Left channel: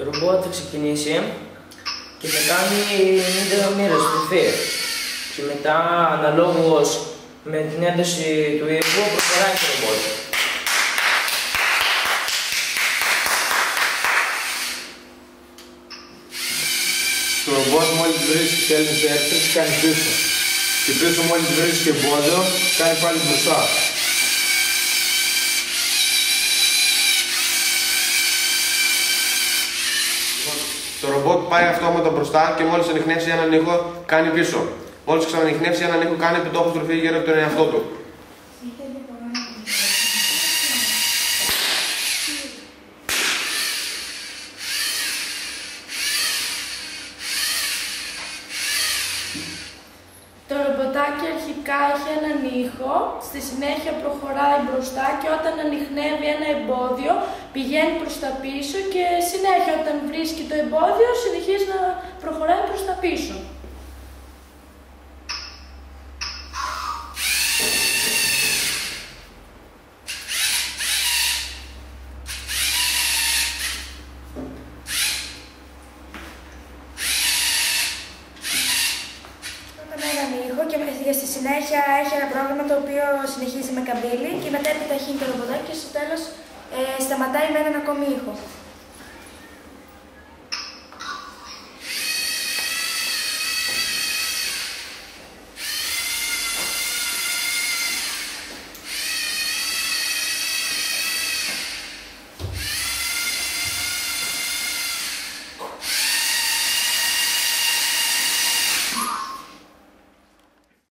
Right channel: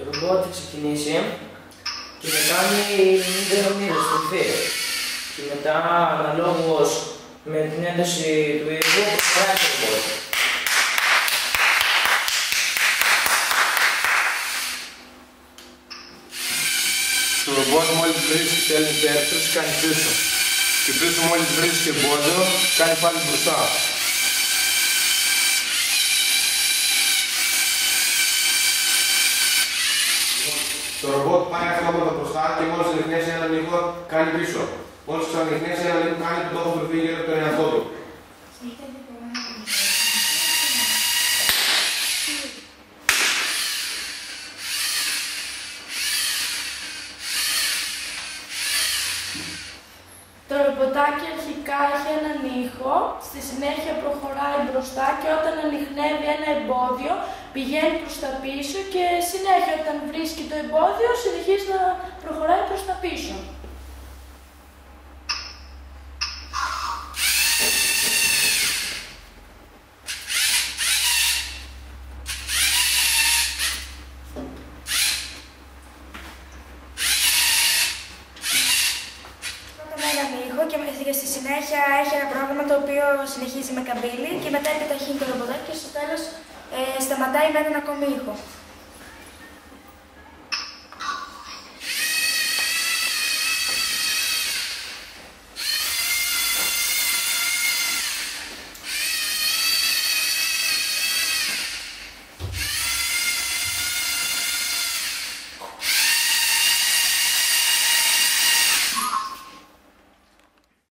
Το ρομπότ θα ξεκινήσει και θα κάνει 90 μοίρες στροφή. Και μετά, αναλόγως με την ένταση του ήχου, προχωράει το ρομπότ. Το ρομπότ μόλις βρίσκει τέλος δεύτερος, κάνει πίσω. Και πίσω μόλις βρίσκει εμπόδιο, κάνει πάλι μπροστά. Το ρομπότ πάει αυτόματα μπροστά και μόλις ανιχνεύσει έναν ήχο, κάνει πίσω. Μόλις ξανανιχνεύσει έναν ήχο, κάνει επιτόπου γύρω από τον εαυτό του. Το ρομποτάκι αρχικά έχει έναν ήχο, στη συνέχεια προχωράει μπροστά και όταν ανιχνεύει ένα εμπόδιο πηγαίνει προς τα πίσω και συνέχεια όταν βρίσκει το εμπόδιο συνεχίζει να προχωράει προς τα πίσω. Και στη συνέχεια έχει ένα πρόγραμμα το οποίο συνεχίζει με καμπύλη και μετά επιταχύνει το ρομποτάκι και στο τέλος σταματάει με έναν ακόμη ήχο.